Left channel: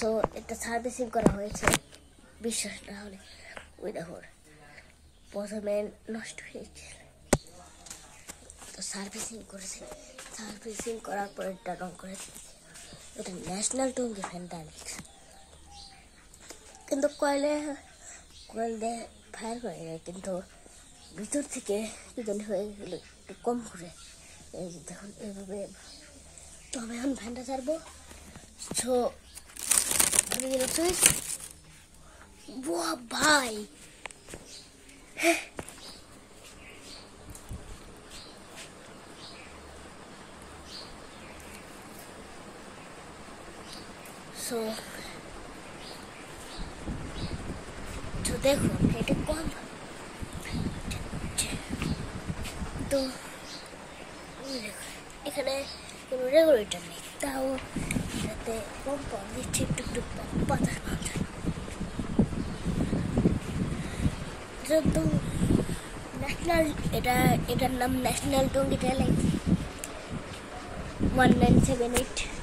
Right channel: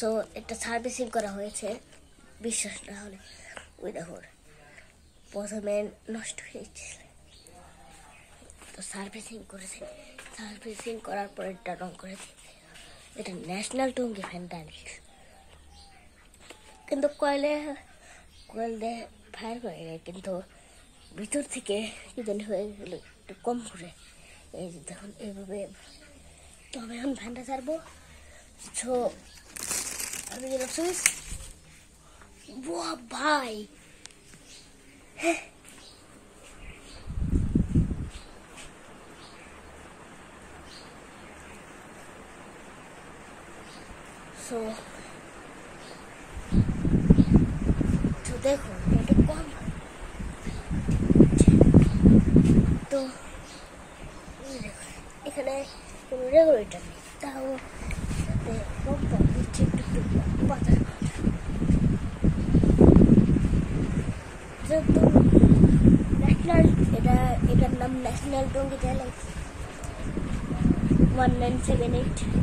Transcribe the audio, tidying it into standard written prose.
So এটা servicing করা হয়েছে, বিশ্বাস না হলে ওই দেখুন প্রথমে নষ্ট হয়ে গেছে, তো সার্ভিসিং করেছে, সার্ভিসিং করার পর এটা রং করে দিয়েছে। এটা ন্যাশনাল টুঙ্গি ফ্যান ডাইরেক্ট, কিন্তু কয়েল দিয়ে ফায়ার করে যায়, কিন্তু ভিতর থেকে কি জানি হয়ে গেল একটু কম করে। এই যে দেখুন এইভাবে। তো আমি এখন ফ্যানটা ছাড়বো। সো আমি গেলে সুইচ, বাহ ভাই, সো দেখুন এটা কম, তো দেখুন এখানে কোনো রেগুলেটর নেই, তাও যাতে কম পাওয়া দিচ্ছে, একটু একটু বাতাস পাওয়া যায়। যেহেতু ন্যাশনাল, এটার নাম ন্যাশনাল টুঙ্গি ট্যালেন্ট 1978।